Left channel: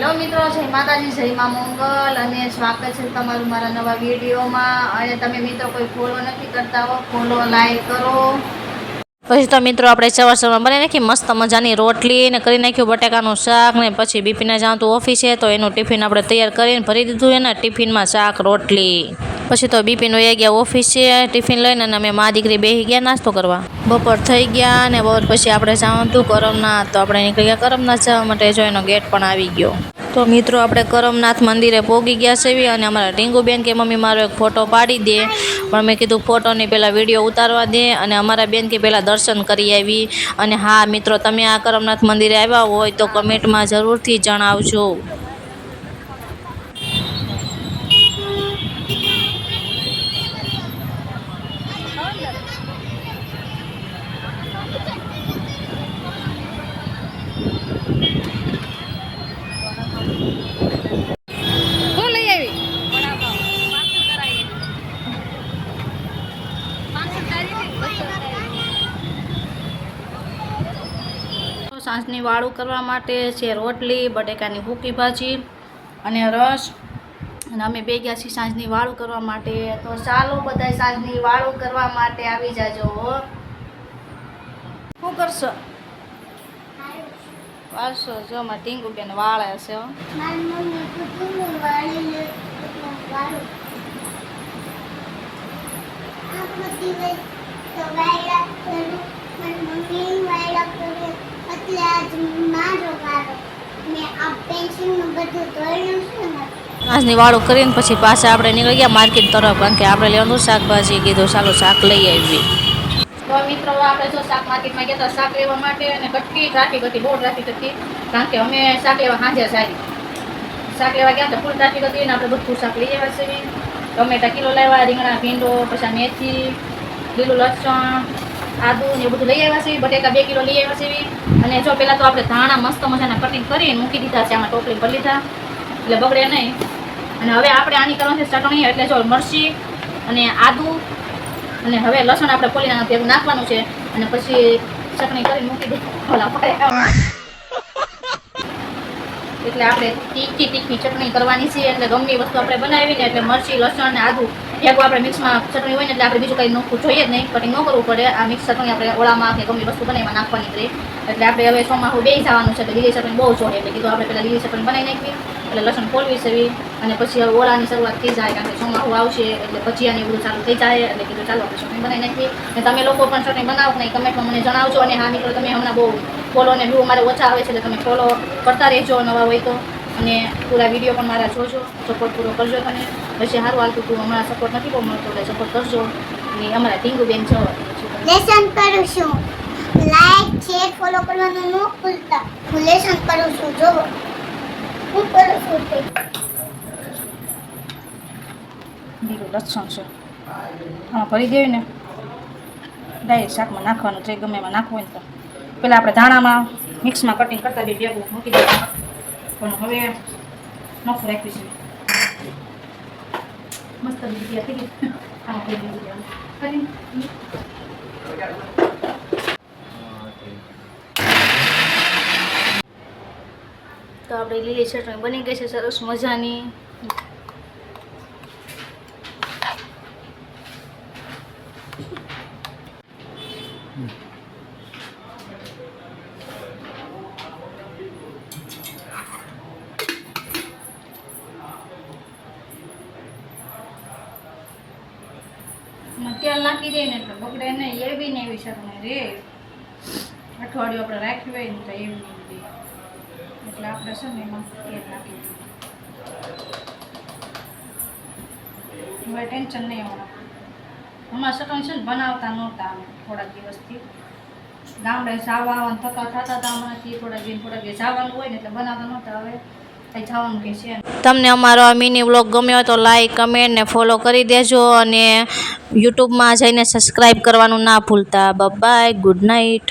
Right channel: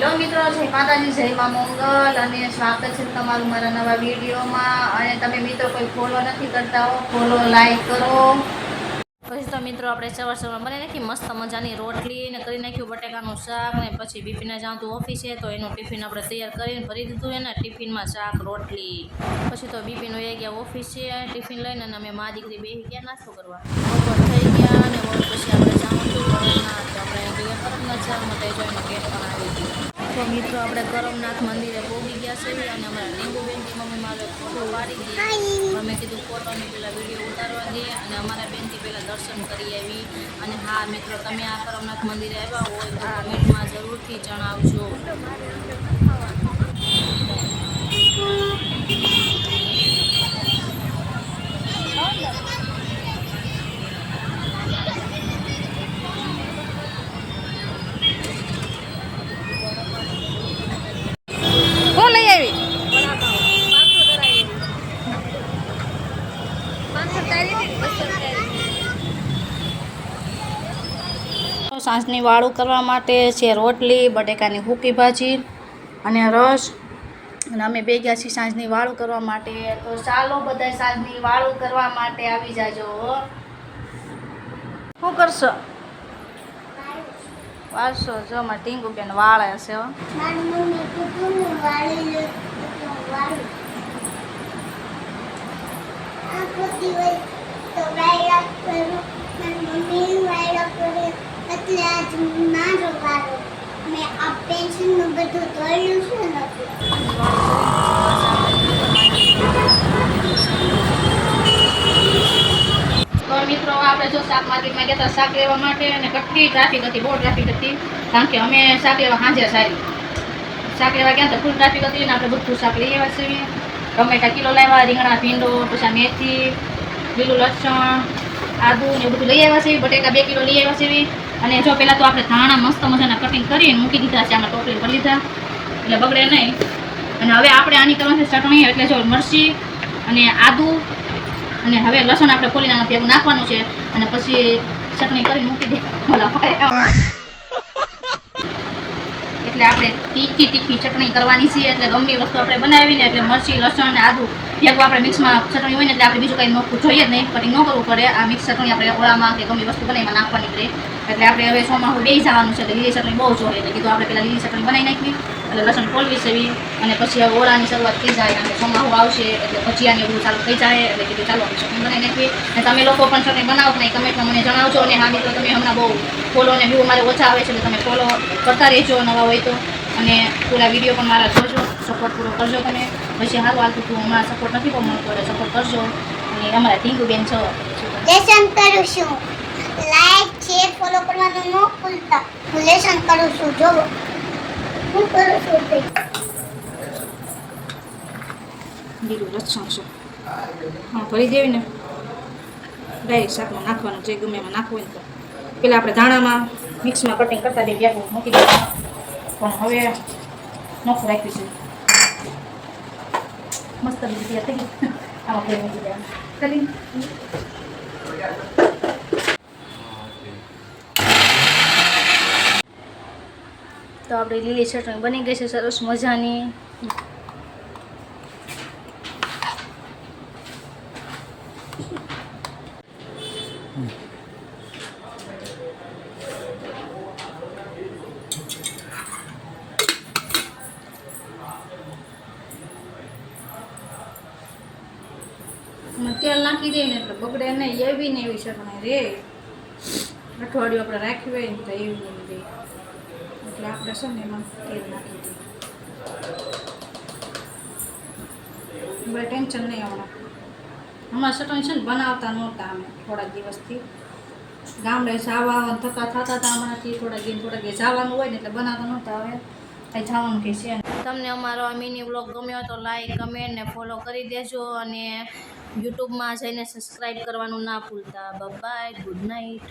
Hello મિત્રો, જય માતાજી, જય મા મંગલ અને સ્વાગત છે તમારું મારા નવા વિડીયોમાં. અને તમે મિત્રો કોઈ ફોલો નથી કરતા હો, ફોલો લાઈક કરો. પછી તો મિત્રો આપણે સવારમાં બનાવી નાખી મસ્ત મજાની રોટલી ને કરી નાખ્યું બટાકાનું શાક ને પછી બીપીને જાઉં તો ઓફિસે તો એનું ટિફિન આપણે તૈયાર કરીને ભરી દીધું એના ટિફિનમાં શાક રોટલી. પછી તો બીપીનો એ ગયા ઓફિસે ટિફિન લઈને અને અમે મા દીકરી બેસી ગયા નાસ્તો કરવા. બપોર થઈ ગયા અને બપોર પછી આપણે જવાનું હતું કરમનાથ, તો આપણે નીકળી ગયા કરમનાથ જવા માટે. જો એનો ગેટ પણ આવી ગયો. તો મિત્રો આપણે કરમનાથ મંદિરે પહોંચી ગયા છે અને અમારા ટીંગુબેન કે મમ્મી મારો એક ફોટો પાડી દે, પણ મેં કીધું ફોટોની પહેલાં વિડીયો ઉતારવા દે અને અમારા બેન કે પહેલાં દર્શન કરી આવી. અને હા મિત્રો, તમે આ કરમનાથ મંદિરે આવ્યા હોય તો કમેન્ટમાં જરૂરથી જણાવજો. હું લઈ આવી સાંજની વાળું કરવા માટે છે રોટલી, બટેકાની સૂકી ભાજી અને રસ. અને અમે બે ગયા છીએ સાંજની વાળું કરવા માટે. તો ચાલો બધા સાંજની વાળું કરવા માટે આવી જાજો. શું કરશો? વાળશો? જો અમારે ટીંગુબેન વાળે છે. આજની વાળું કરીને પછી પાછા આપણે નીકળી ગયા માર્કેટ તરફ, કારણ કે આપણે લેવાનું શાકભાજી કીધું ચાલો શાક લઈ આવી. તો મિત્રો આપણે જો શાક માર્કેટમાં ગયા હતા શાક લેવા માટે, અને કેટલી ટ્રાફિક હતી, બહુ ટ્રાફિક હતી. કારણ કે અમે શાક લેવા સાંજે શાક લેવા ગયા તો ફૂલ ટ્રાફિક હતી ને આપણે બધું શાક લઈ આવ્યા છીએ. ટમેટા કિલો લાવ્યા, રીંગણા, ભીંડો, પછી મેથી, લીલું લસણ, આદુ ને એવું બધું લઈ આવ્યા છે. બટેકા 2 કિલો લઈ આવ્યા છે. અને જો પહેલાં તો આપણે ધાણા મસ્ત મજાના કટિંગ કરીને મૂકી દીધા છે, આમાં ટોપલી કરી લીધા એટલે બગડે નહીં. અને હવે આપણે આની કરવાની છે ચટણી, એટલે જો મરચી અને આદુ અને હવે લસણ આપણે ખોલીને ભેગું નાખવાનું છે અને પછી ચટણી કરીને મૂકી દે. એટલે આપણે તીખી ચટણી કરવાની છે. એટલે ગમે વસ્તુ આપણે બનાવીને એટલે મરચી, લસણ અને આદુ ભેગું આપણે મિક્સમાં ચટણી હોય ને એટલે આપણે બીજું કંઈ નાખવું જોઈએ જ નહીં, કટિંગ ન કરવું પડે. આ મિક્સ ચટણી આપણે ઓળામાં કે ગમે વસ્તુ બનાવીમાં નાખવાની રહે. એટલે આપણે હવે ચોમાસું બેસી જવાનું છે એટલે લીલી ચટણી બહુ જોઈએ. એટલે કીધું આપણે પહેલાં લીલી ચટણી બનાવી નાખવી, એટલે લસણ ખોલવી સેવી અને પછી ઓળાની શરૂઆત થઈ જાય, કારણ કે ચોમાસું આવશે એટલે ભજીયાની બધું ચાલુ થઈ જાય. એટલે કીધું ચાલો આપણે ચટણી બનાવી નાખવી. અને તમે લોકો પણ ચટણી બનાવો કે નહીં કમેન્ટમાં મને જણાવજો. અને હા મિત્રો, તમે હમણાં બહુ ફોલો અને વ્યૂ મારે ઓછા આવે છે એટલે તમે ફોલો કરતા રહેજો નવા હોય તો. અને પૂરા વિડીયો પણ મારા જોજો, સપોર્ટ પૂરો કરજો. તમે પછી સારું હાલતું તું હમણાં સપોર્ટ નથી બહુ મળતો એટલે સપોર્ટ કરજો. અને અમારા ટીંગુબેન છો લેસન કરું છું, લાઈક શેર ફોલો કરવાનું ન ભૂલતા. હું લેસન કરું છું, જો હું કરું છું તે લીલું લસણ છે હા ભરી દેવી ને ડાયરેક્ટ શાકમાં નાખવાનું છે, ગમે એમાં નાખવું હોય ને. પહેલાં આપણે ધાણામાં મિક્સમાં કટિંગ કરતા બે ભેગું મૂકી દેવાનું, પણ હવે નોખું રાખી છે મસ્ત રીતે થઈ ગઈ. આમાં ફેર મૂકી દેવાનું કરી. તો આપણી લીલી ચટણી બની ગઈ છે સરસ મજાની. તેલ નાખી દઈએ ને એટલે બગડે નહીં, એવી ને એવી ચટણી રે. અઠવાડિયું આપણે રાખ્યું હોય ને તો એવી નહીં દે, એટલે આપણે છે ને એમાં તેલ નાખી દઈએ. હવે ટેન્શન નહીં આવવાનું. હમણાં ચટણી છે ને બનાવતા નહોતા અમે થોડાક દિવસથી. ગામડે જવા થતા થતા હતા હમણાંથી થોડાક દિન જવાનું હોય ને એટલે બનાવતા નહોતા. હવે કંઈ જવાનું કે છે. તમને અમારો આ મિની વ્લોગ ગમ્યો હોય તો લાઈક, કમેન્ટ ને ફોલો કરી દેજો. અને યુટ્યુબમાં જઈને સબસ્ક્રાઈબ કરવાનું ના ભૂલતા. Bye, good night.